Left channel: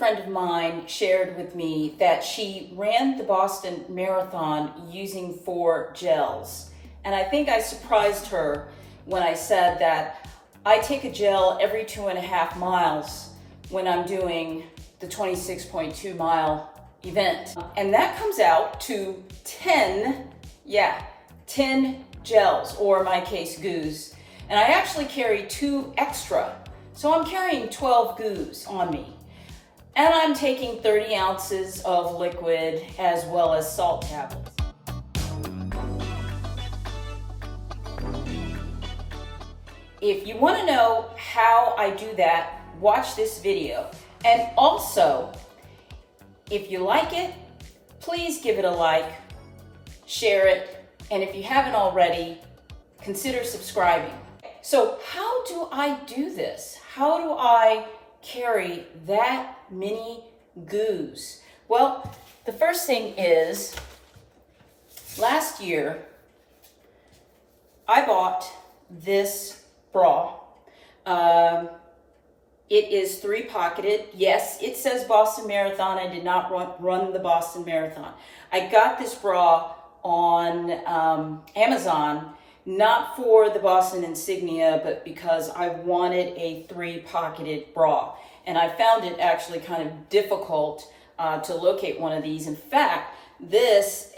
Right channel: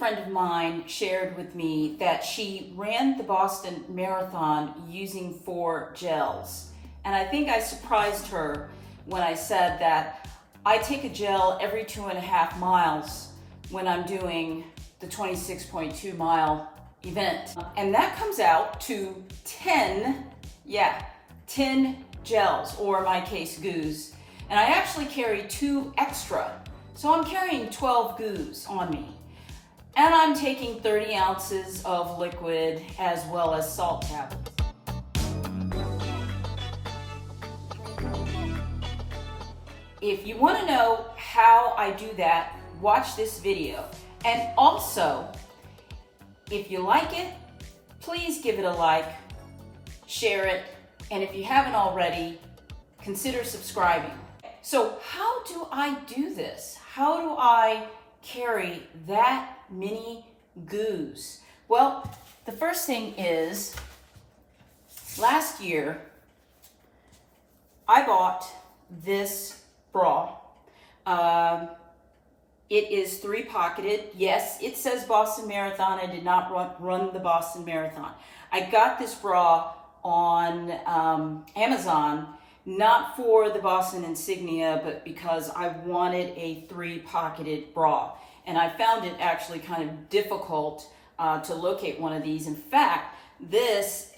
friend of mine shared with me that she ran the Boston Marathon using 4 gels. And I think I surprised her when I said that I take a gel every 2.5 miles when I'm doing the 26.2 mile event. And that comes out to 10 gels, or in my case, goos. And I actually carry 2 extra. So I'm carrying 12 goos on me. And I'm taking 30 ounces of liquid as well as salt tablets. If you want to know how I do that, watch this video. And also, if you like it, please give it a like, share it, and if you haven't already, consider subscribing. So how do I do this? How do I carry that many goos? Well, the first thing is, last year, I bought this bra. It is 3-pocketed. Yes, it says Boston Marathon. I did not run the Boston Marathon. I got this bra on Amazon, not for the Boston insignia, but because I wanted a 3-pocketed bra. And I found it actually kind of difficult to locate one of these. In fact, this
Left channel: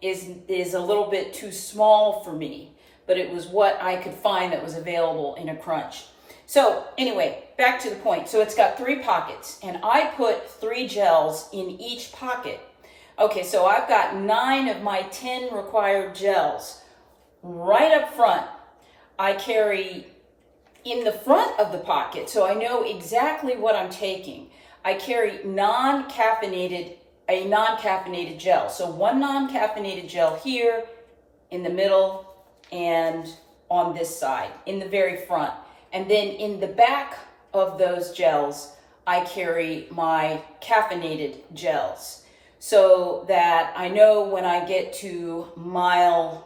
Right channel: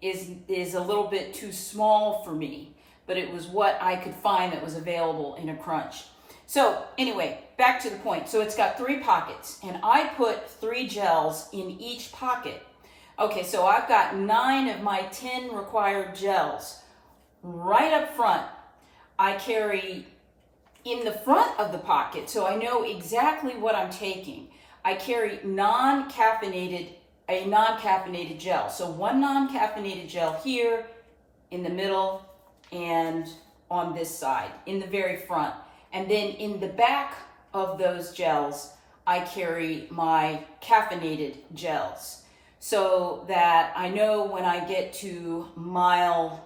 is a little bit too small for me, but it was what I could find that was available in a crunch. So anyway, back to the point. So it's got 3 pockets, and I put 3 gels in each pocket. Okay, so I've got 9 of my 10 required gels. Right up front, I carry in the front of the pocket, so I know exactly what I'm taking. I carry a non-caffeinated gel. So 1 non-caffeinated gel here, in the middle, and on this side, in the very front. And then in the back of those gels, I carry my caffeinated gels, so that I know when I get to mile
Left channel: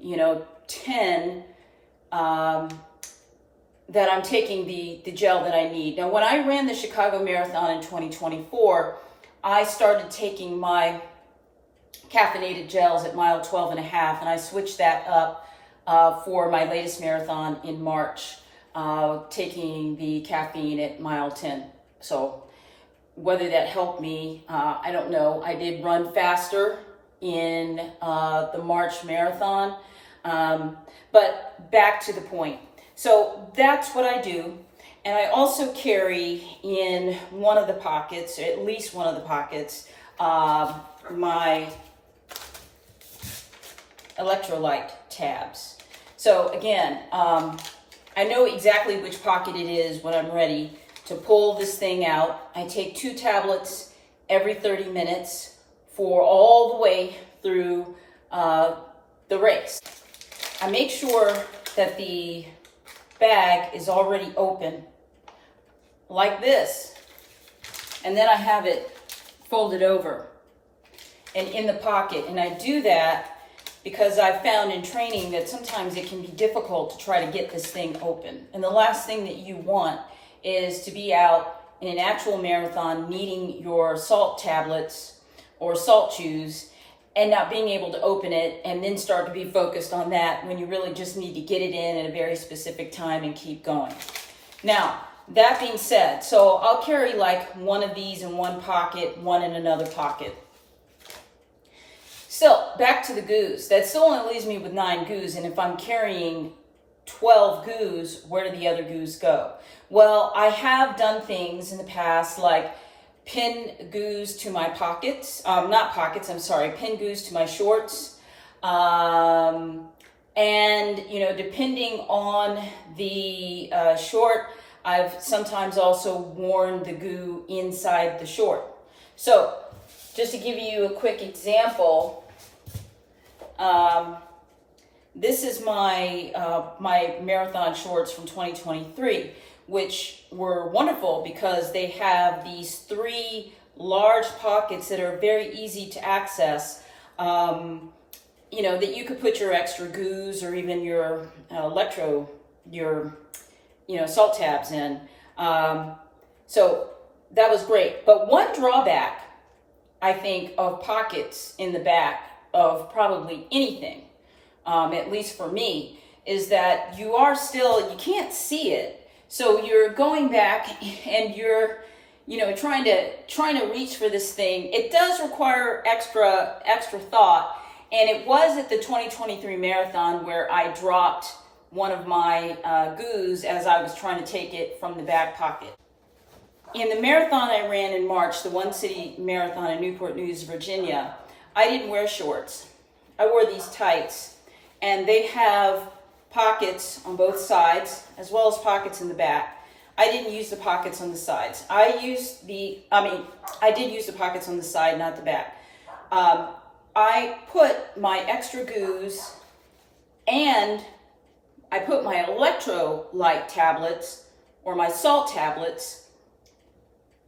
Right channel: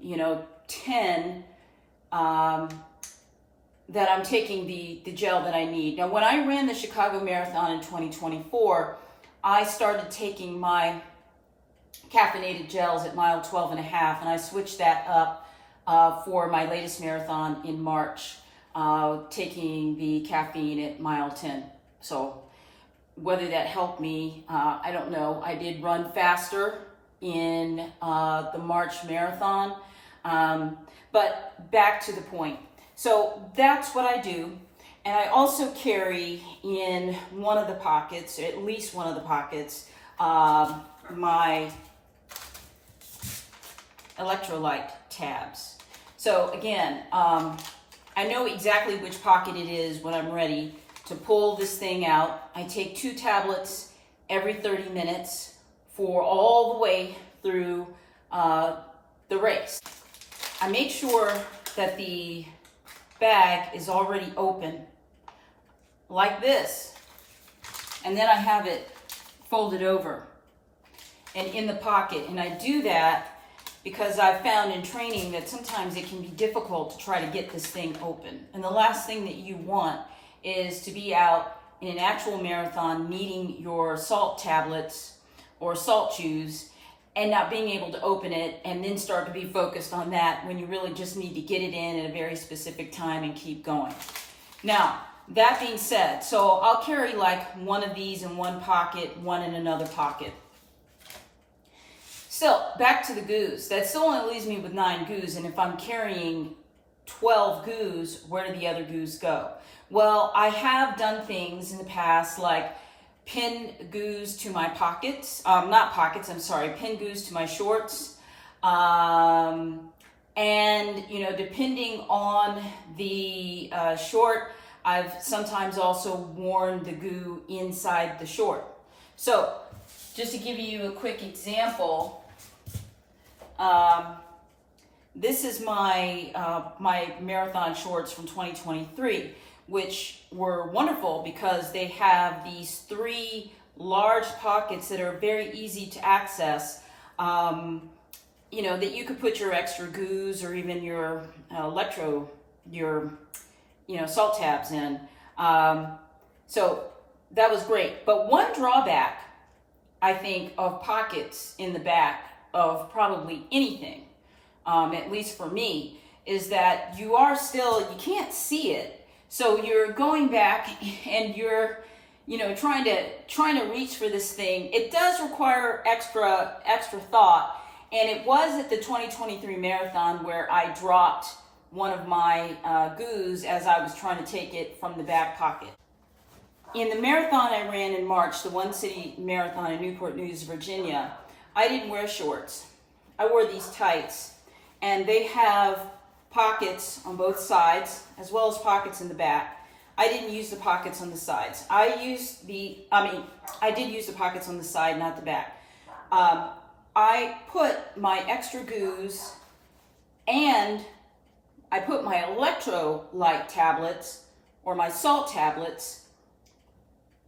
10, that I'm taking the gel that I need. Now, when I ran the Chicago Marathon in 2024, I started taking my caffeinated gels at mile 12.5, and I switched that up for my latest marathon in March, taking the caffeine at mile 10. So whether that helped me, I don't know. I did run faster in the March marathon, but back to the point. So that's what I do. And I also carry in one of the pockets, or at least one of the pockets, my electrolyte tabs. So again, I know exactly which pocket it is when I'm ready to pull this thing out. I take 2 tablets every 30 minutes for all the way through the race. I make sure that the bag is already open like this, and then I have it folded over and in the pocket. And I do that because I've found in training that sometimes it can be difficult to try to get this thing open. And the last thing that you want is to be out in an actual marathon needing your salt tablets or salt chews and not being able to open it and then start to be focused on that when you really just need to get it in at a very specific time and keep going. Now, that being said, so I'll carry like 1 of these in one pocket, 1 in another pocket. So back to the goos. That still only leaves me with 9 goos, and if I'm carrying 12 goos, where do the other goos go? Well, I have done things in the past like pin goos to my pockets, pin goos to my shorts. And, depending on the short, I've sometimes also worn the goo inside the short. So just to give you a quick example, this is my my marathon shorts from 2023, which were wonderful because they have these 3 large pockets that are very easy to access. That you could put your extra goos or even your salt tabs in. So that was great. But one drawback, I think, of pockets in the back of probably anything, at least for me, is that you can't see it. So you're going back and you're, trying to reach for this thing. It does require extra thought. And it was at the 2023 marathon where I dropped one of my goos as I was trying to take it from the back pocket. In the marathon I ran in March, the One City Marathon in Newport News, Virginia, I didn't wear shorts. I wore these tights, and they have pockets on both sides as well as pockets in the back. I didn't use the pockets on the sides. I did use the pockets on the side, not the back. I put my extra goos and I put my electrolyte tablets or my salt tablets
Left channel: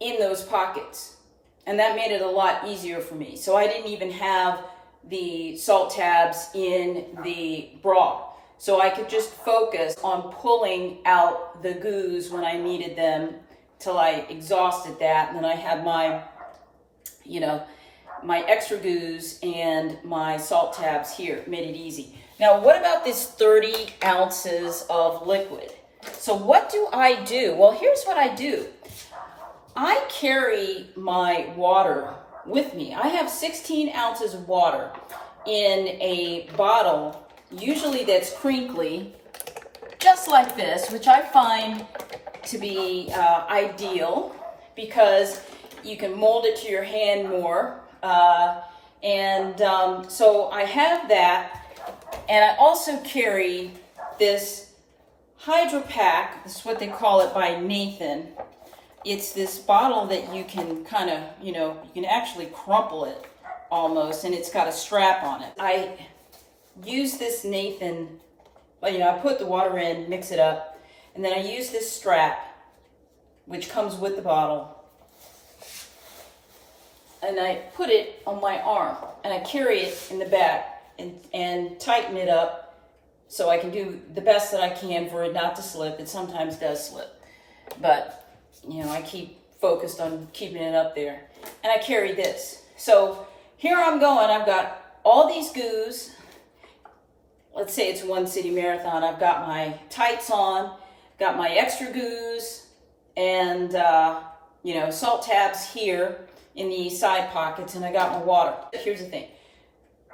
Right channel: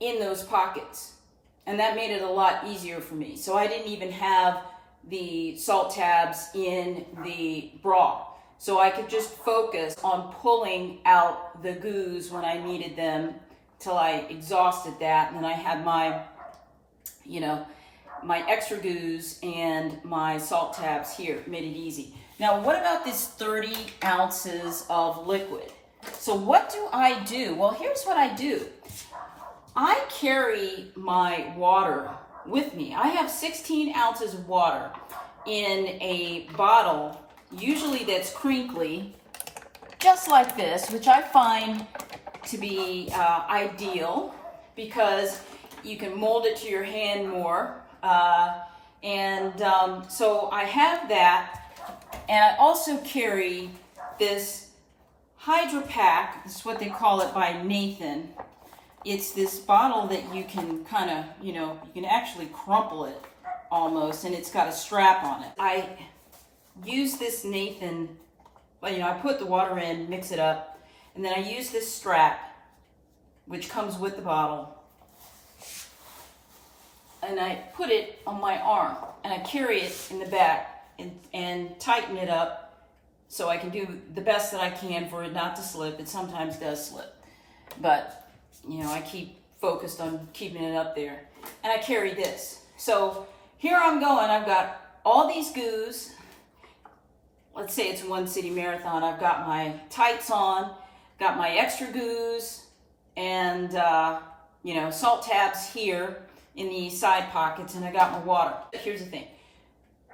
in those pockets. And that made it a lot easier for me. So I didn't even have the salt tabs in the bra. So I could just focus on pulling out the goos when I needed them till I exhausted that. And then I had my, my extra goos and my salt tabs here. Made it easy. Now, what about this 30 ounces of liquid? So what do I do? Well, here's what I do. I carry my water with me. I have 16 ounces of water in a bottle, usually that's crinkly, just like this, which I find to be ideal because you can mold it to your hand more. So I have that, and I also carry this Hydro Pack. This is what they call it by Nathan. It's this bottle that you can kind of, you can actually crumple it almost, and it's got a strap on it. I use this Nathan, I put the water in, mix it up, and then I use this strap, which comes with the bottle, and I put it on my arm, and I carry it in the back and tighten it up so I can do the best that I can for it not to slip. It sometimes does slip, but I keep focused on keeping it up there. And I carry this. So here I'm going. I've got all these goos. Let's say it's One City Marathon. I've got my tights on, got my extra goos, and, salt tabs here in the side pockets, and I got my water. Here's the thing.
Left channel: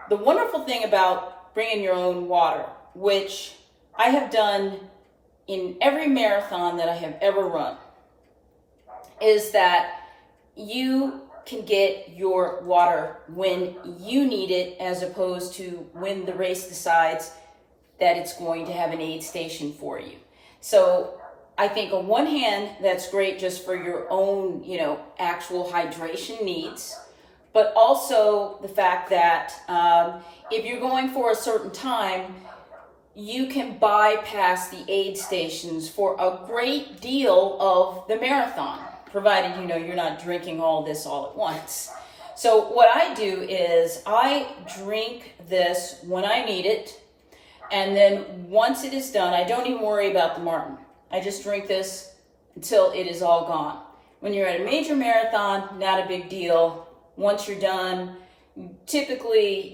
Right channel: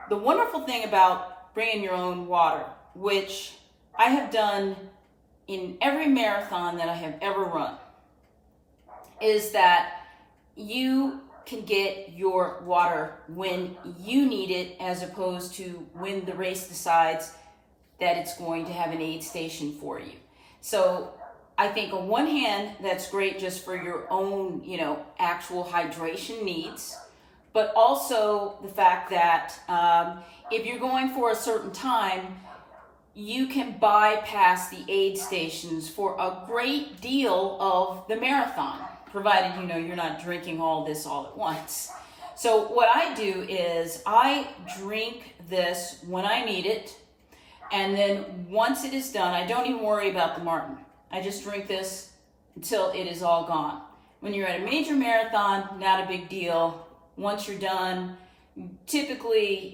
The wonderful thing about bringing your own water, which I have done in every marathon that I have ever run, is that you can get your water when you need it as opposed to when the race decides that it's going to have an aid station for you. So I think on one hand, that's great just for your own, actual hydration needs, but also the fact that if you're going for a certain time, you can bypass the aid stations for a great deal of the marathon, provided you're not drinking all this all at once. So what I do is I drink this when I need it, and then once it is done, I don't even worry about the Maurten. I just drink this until it is all gone. When you're at a major marathon, not a big deal. Once you're done, typically,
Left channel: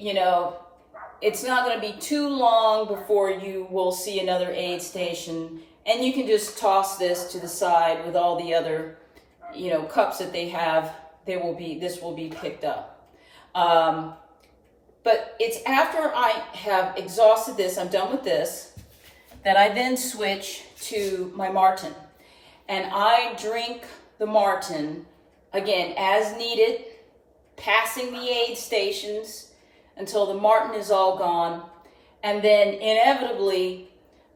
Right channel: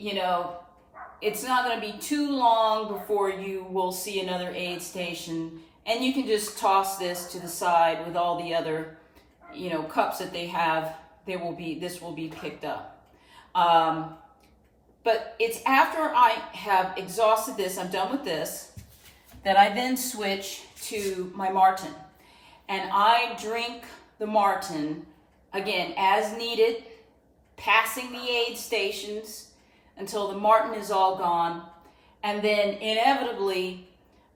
it's not going to be too long before you will see another aid station, and you can just toss this to the side with all the other, cups that they have. This will be picked up. But it's after I have exhausted this, I'm done with this, that I then switch to my Maurten, and I drink the Maurten again as needed, passing the aid stations until the Maurten is all gone, and then inevitably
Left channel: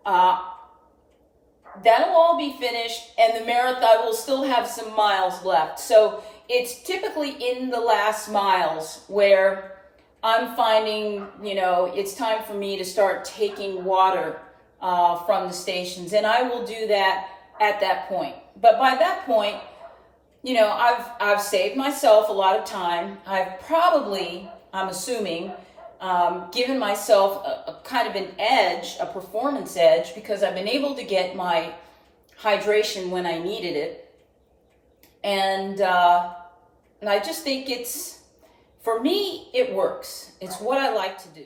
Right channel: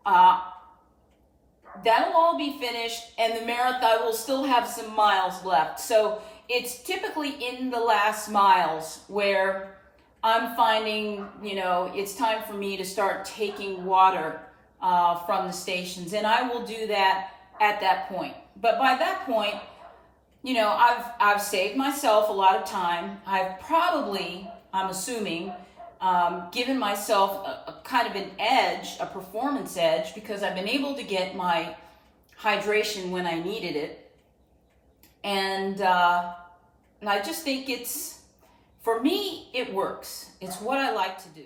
that'll all be finished, and the marathon will still have some miles left. So it's typically in the last miles where I'm finding, it's time for me to start taking water from the stations, and I will do that at that point. But by that point, I've saved myself a lot of time. I've probably, I'm assuming, given myself a kind of an edge, a performance edge, because I've been able to get my hydration when I needed it. And I just think for me, it works. It's what I like to do.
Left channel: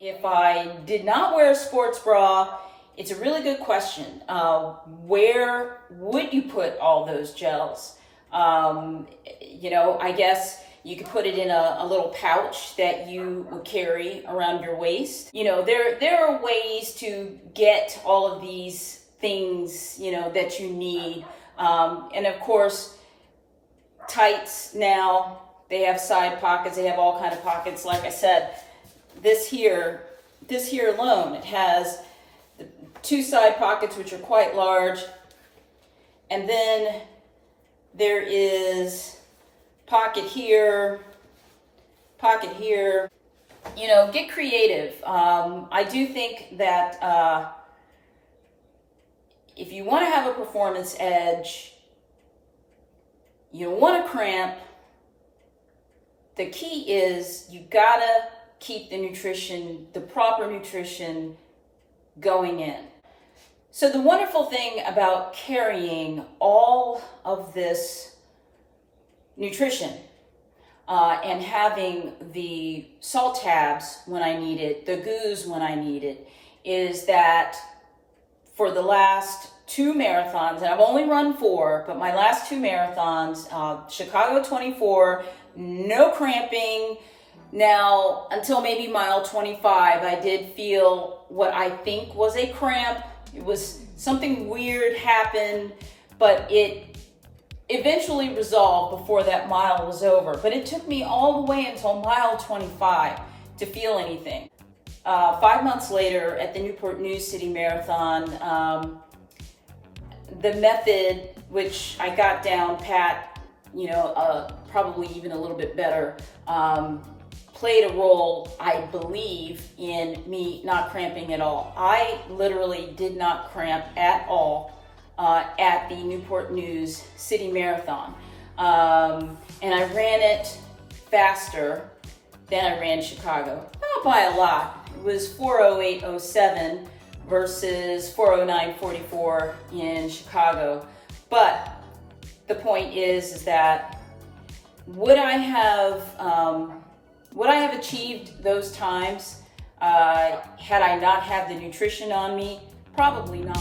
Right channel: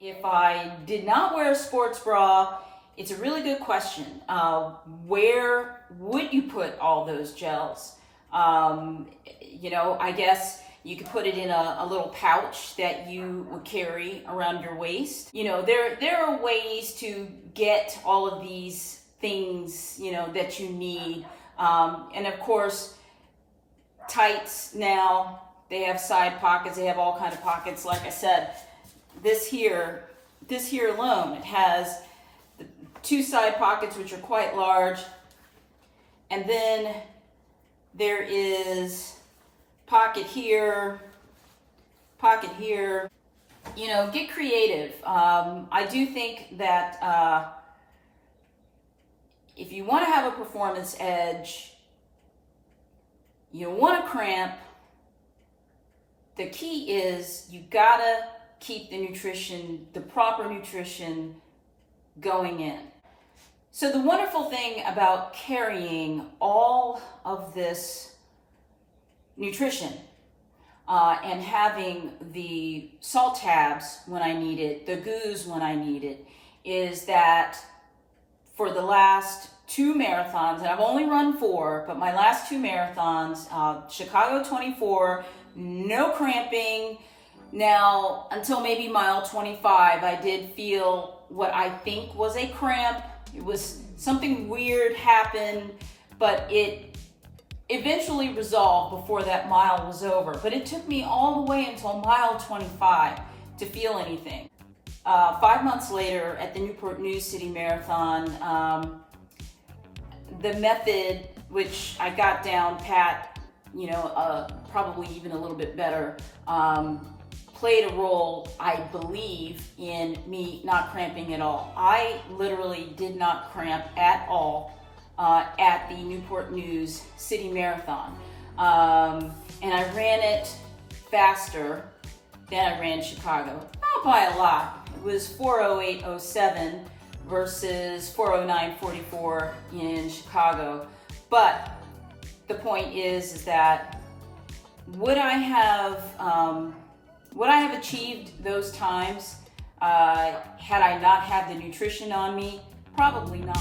If I did not wear a sports bra, it's a really good question. Where would you put all those gels? I guess you could put it in a little pouch that you would carry around your waist. There are ways to get all of these things, that you need. And of course, tights now, they have side pockets, they have all kind of pockets. Like I said, this here alone, it has the 2 side pockets, which are quite large. And then there is pocket here, pocket here. Get creative. I do think that if you want to have a performance edge, you want to cramp, the key is you gotta keep the proper nutrition going in. So the wonderful thing about carrying all of this nutrition and having the salt tabs when I need it, the goos when I need it, is that for the last 2 marathons, and I've only run 4, but my last 2 marathons, Chicago 24, no cramping. Now, until maybe mile 25, I did feel what I think was a cramp. It was something weird happened, but it eventually resolved before that mile was over. But it took me all the way until mile 25 to feel anything. 5 months later at the Newport News City Marathon, the method, which I got down pat, probably even a little bit better, played a role, I believe, in me not cramping at all. I literally did not cramp at all at the Newport News City Marathon. And I ran it faster than I ran Chicago, not by a lot. It was 4:08:07 versus 4:09:44 in Chicago. But the point is that would I have achieved those times had I not had the nutrition on me? Probably not.